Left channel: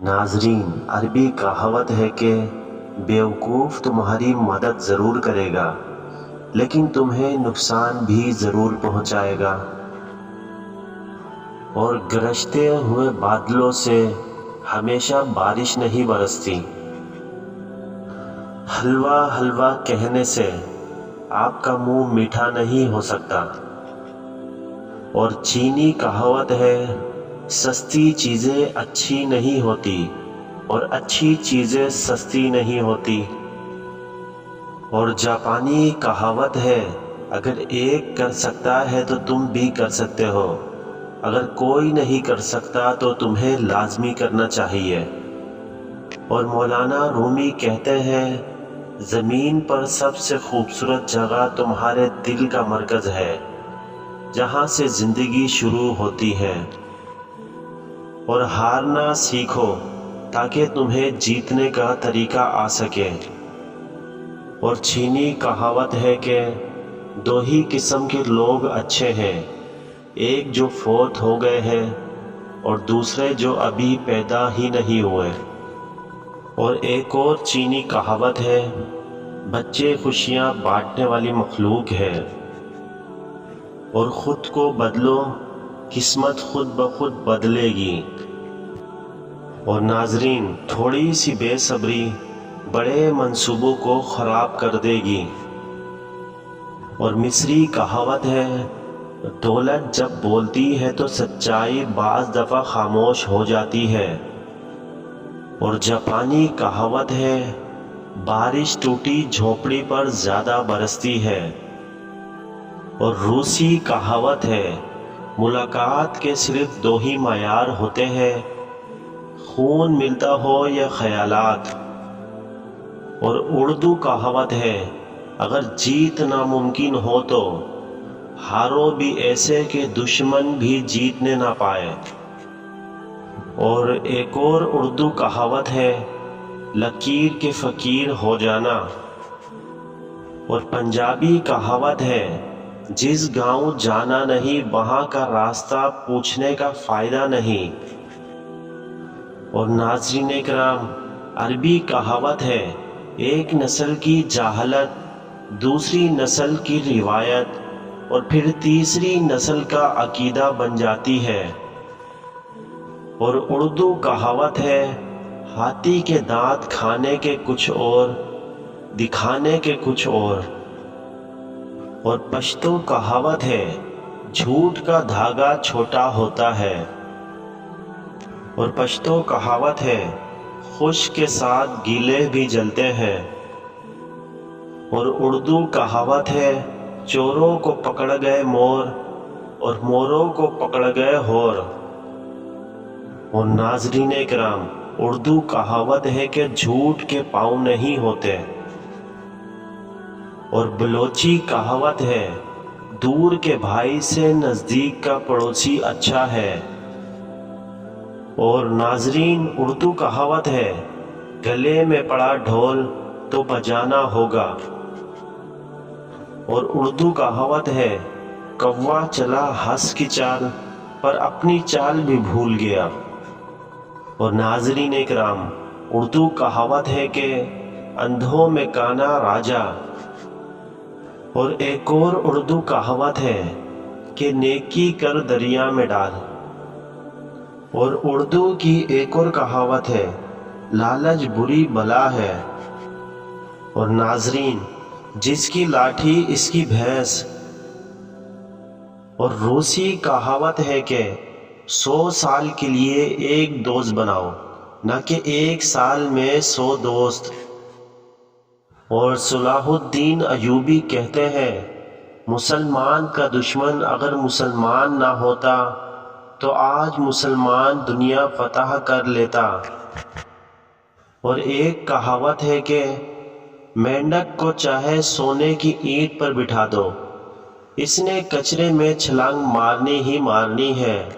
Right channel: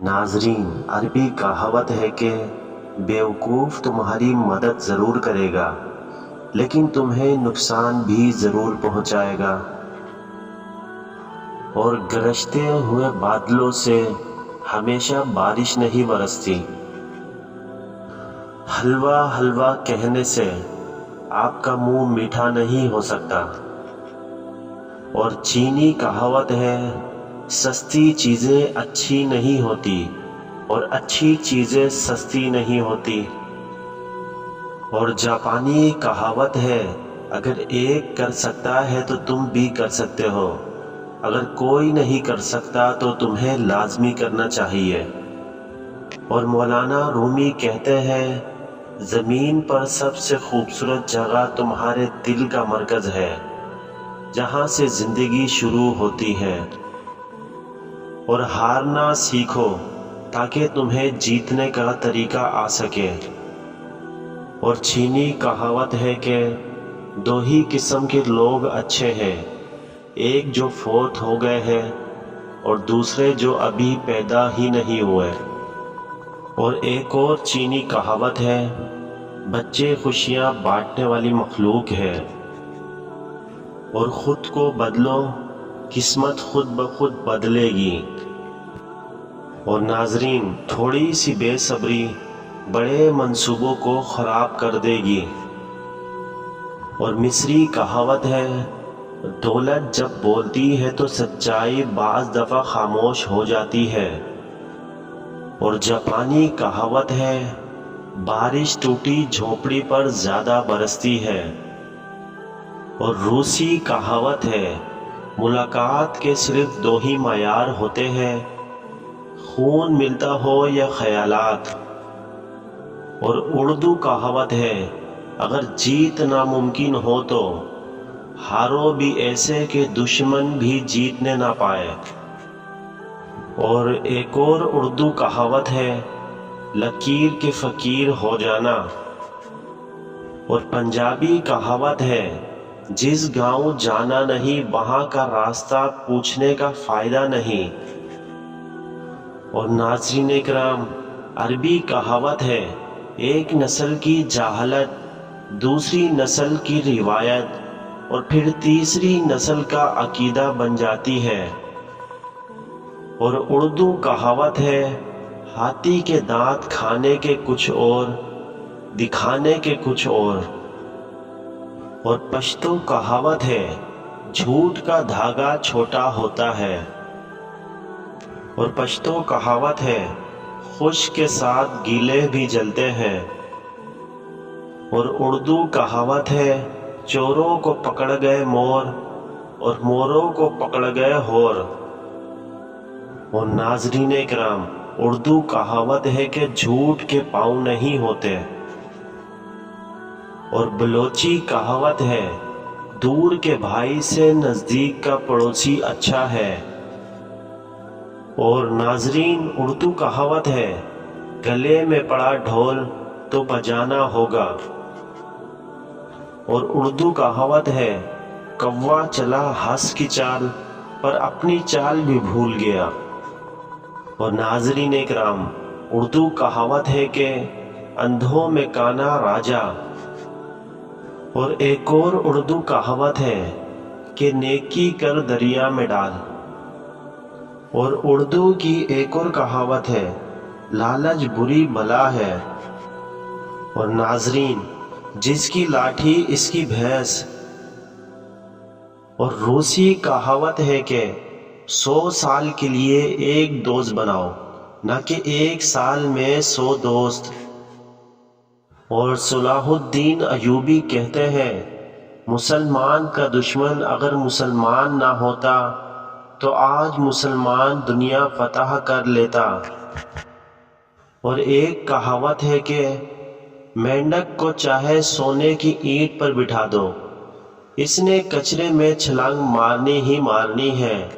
नाजरीन, अरबी कहावत है कि बेवकूफ़ तुम्हारी मदद ज़रूर करेगा लेकिन तुम्हें नुकसान भी ज़रूर पहुंचाएगा। और गरजते हुए बादलों से हमेशा बारिश नहीं बरसती। हलवा हलवा कहने से आपका मुंह मीठा नहीं हो सकता। और चीनी कहावत है, सस्ती चीज़ें अच्छी नहीं होती और अच्छी चीज़ें सस्ती नहीं होती। और जापानी कहावत है, अगर एक कर सकता है तो तुम भी कर सकते हो, अगर कोई नहीं कर सकता तो तुम्हें लाजमी करना चाहिए। और मौलाना रूमी कहते हैं, ज़मीन पर सबसे खूबसूरत जगह तुम्हारे दिल का मरकज़ है, जहाँ से ज़िंदगी शुरू होती है। और हारना सीखो ताकि तुम्हें जीतने का तरीका आ सके। और चीनी कहावत है कि दो ही किस्म के लोग अच्छे हैं, एक जो फौत हो गए हैं और दूसरे जो अभी पैदा ही नहीं हुए। और एक और चीनी कहावत है, बच्चे खुशियाँ बांटने वाली मखलूक है। और ख़ुद को बदलो, किस्मत खुद ब खुद बदलेगी। और नाजरीन, थोड़ी सी बेसब्री बड़े मंसूबों को ख़राब कर देगी। और मिस्री कहावत है, दौलत जब बोलती है तो सच्चाई बाज़ दफ़ा खामोश हो जाती है। और जापानी कहावत है, बारिश टूटी झोंपड़ी पर ज़्यादा बरसती है। और रूसी कहावत है, मुलाकात के सिर्फ दो ही मायार होते हैं, खून मिलता हो या ख़यालात। और उर्दू कहावत है, अगर जीत नामुमकिन हो तो हारो भी ऐसे कि दुश्मन भी जीतने ना पाए। और एक और उर्दू कहावत है, लकीर के फ़कीर हो जाना। और पंजाबी कहावत है, जिस गांव जाना नहीं वहां का रास्ता पूछने का फ़ायदा नहीं। और नाज़रीन इकराम, अरबी कहावत है, एक नस्ल की जाहलत दूसरी नस्ल की रिवायत और फिर तीसरी नस्ल का अकीदा बन जाती है। और उर्दू कहावत है, हाथी के दांत खाने के कुछ और, दिखाने के कुछ और। पश्तो कहावत है, झूठ का धागा छोटा होता है। और पश्तो कहावत है, खुश के साथ गीले भी जलते हैं। और उर्दू कहावत है, चोरों को पकड़ गए मोर और मोरों को पकड़ गए होर। और नाज़रीन इकराम, उर्दू कहावत है कि झूठ के पाँव नहीं होते। और बलोची कहावत है, दूर के भाई से नज़दीक का पड़ोसी अच्छा है। और नाजरीन, उर्दू कहावत है, गले में पड़ा ढोल तो बजाना होगा। और उर्दू कहावत है, कौवा चला हंस की चाल पर अपनी चाल भी भूल गया। और नाजरीन इकराम, उर्दू कहावत है कि अंधों में काना राजा। और एक और उर्दू कहावत है कि नेकी कर दरिया में डाल। और उर्दू की एक और कहावत है, लालच बुरी बला है। और नाजरीन, जिसकी लाठी इसकी भैंस। और रूसी कहावत है कि 100 साल के लिए एक दोस्त बनाओ, न कि एक साल में 100 दोस्त। और सलाहुद्दीन अयूबी कहते हैं, मुसलमान का दुश्मन अगर मुसलमान ना होता तो आज मुसलमान दुनिया फतह कर लेता। और एक कहावत है कि मेंढक को चाहे सोने की ईंट पर बिठा दो, इसने कचरे में छलांग मारनी ही मारनी है।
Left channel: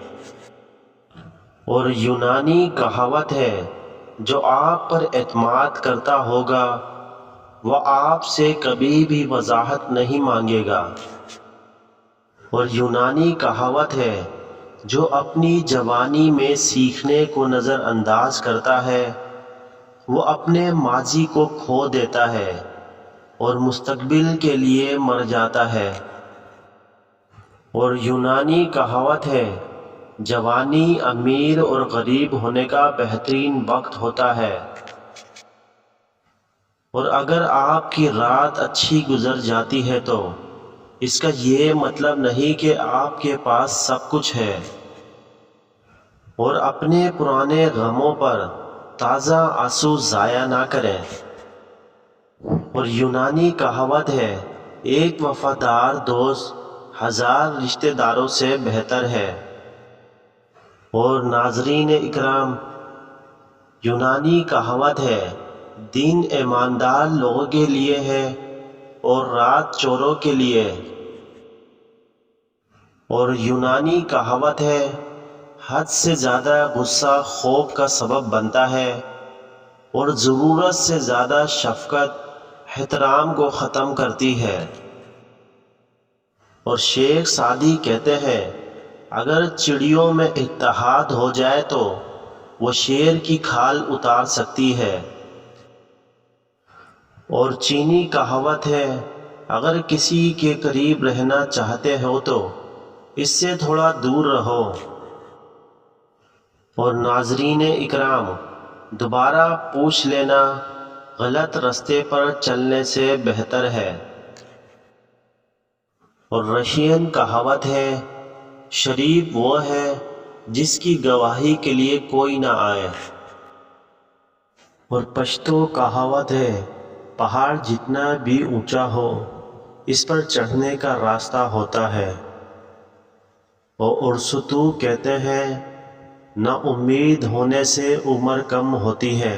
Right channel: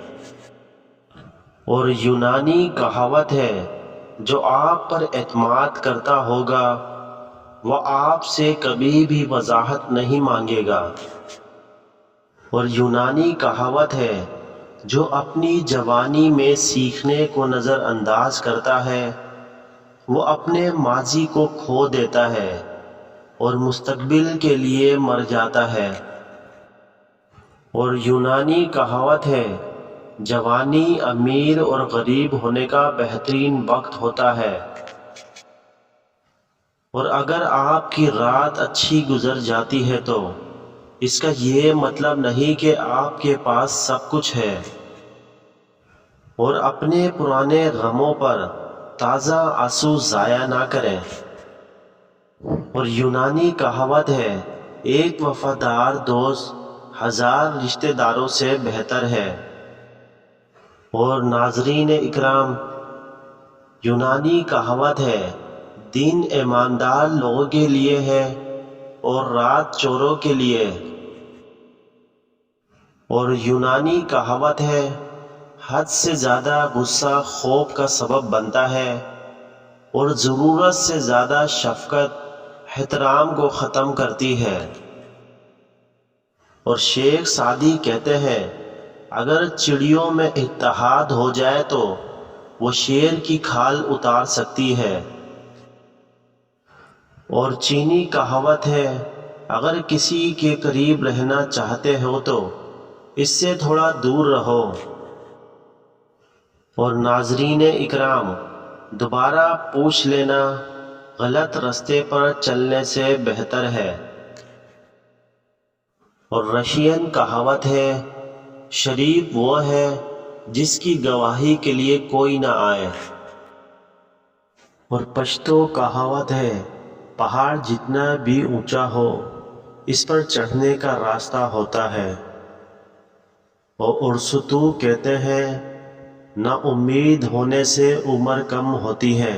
और यूनानी कहावत है, जो आप पर एतमाद करता होगा वह आपसे कभी भी वजाहत नहीं मांगेगा। और यूनानी कहावत है, جو اپنی جوانی میں سیکھنے کو نظر انداز کرتا ہے وہ اپنے ماضی کو کھو دیتا ہے اور مستقبل کے لیے مر جاتا ہے۔ اور یونانی کہاوت ہے، جوانی امیر اور غریب ہونے کا بہترین وقت ہوتا ہے۔ اور اگر آپ کی رات اچھی گزر جاتی ہے تو اس کا یہ مطلب نہیں کہ آپ کے پاس سب کچھ ہے۔ اور اپنے پرانے غموں پر تازہ آنسو ضائع نہ کریں۔ اور یونانی کہاوت ہے، ایک وفادار دوست 1000 رشتہ داروں سے بہتر ہے۔ اور ناظرین اکرام، یونانی کہاوت ہے، دن ایماندار لوگوں کے لیے ہے اور رات چوروں کے لیے۔ اور یونانی کہاوت ہے، حد سے زیادہ غصہ خوف کا سبب بنتا ہے اور ضرورت سے زیادہ شفقت احترام کو ختم کرتی ہے۔ اور شیخ سعدی کہتے ہیں، اگر چڑیوں میں اتحاد ہو جائے تو وہ شیر کی کھال اتار سکتی ہے۔ اور چینی کہاوت ہے، اگر کسی کے قریب رہنا چاہتے ہو تو اس سے تھوڑا دور رہو۔ اور ناظرین اکرام، دوبارہ پوچھ لینا غلط رستے پر چلنے سے بہتر ہے۔ اور رشین کہاوت ہے، شریف وہ ہے جس کی گواہی کے لیے کوئی نہ آئے۔ اور پشتو کہاوت ہے، پہاڑ جتنا بھی اونچا ہو اس پر چڑھنے کا راستہ ہوتا ہے۔ اور ارسطو کہتے ہیں، نا امید ہونے سے عمر کم ہوتی ہے۔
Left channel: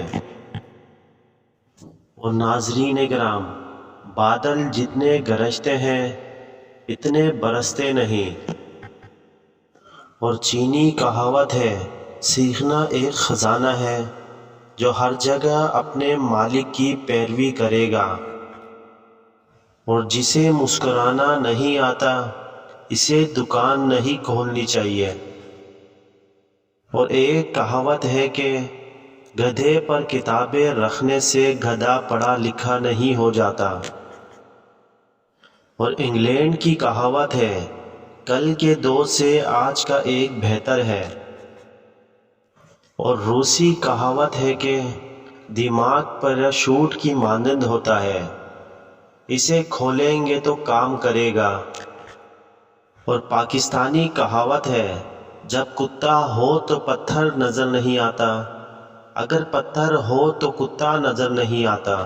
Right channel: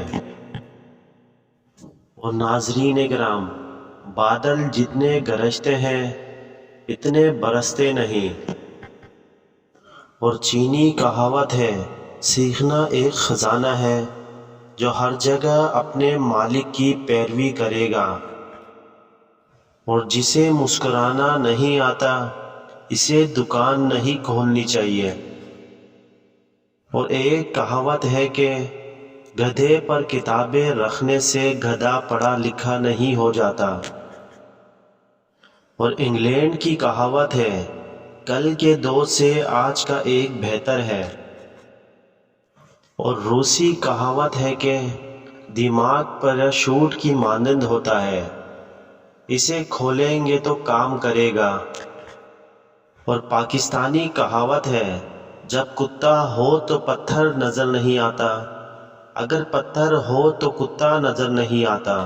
اور ناظرین کرام، بادل جتنے گرجتے ہیں اتنے برستے نہیں۔ اور چینی کہاوت ہے، سیکھنا ایک خزانہ ہے جو ہر جگہ اپنے مالک کی پیروی کرے گا۔ اور جسے مسکرانا نہیں آتا اسے دکان نہیں کھولنی چاہیے۔ اور ایک کہاوت ہے کہ گدھے پر کتابیں رکھنے سے گدھا پڑھا لکھا نہیں ہو جاتا۔ اور انگلینڈ کی کہاوت ہے، کل کے 2 سے آج کا 1 بہتر ہے۔ اور روسی کہاوت ہے کہ دماغ پیراشوٹ کی مانند ہوتا ہے، اسے کھولیں گے تو کام کرے گا۔ اور پاکستانی کہاوت ہے، جب کتا ہو تو پتھر نظر نہیں آتا، اگر پتھر ہو تو کتا نظر نہیں آتا۔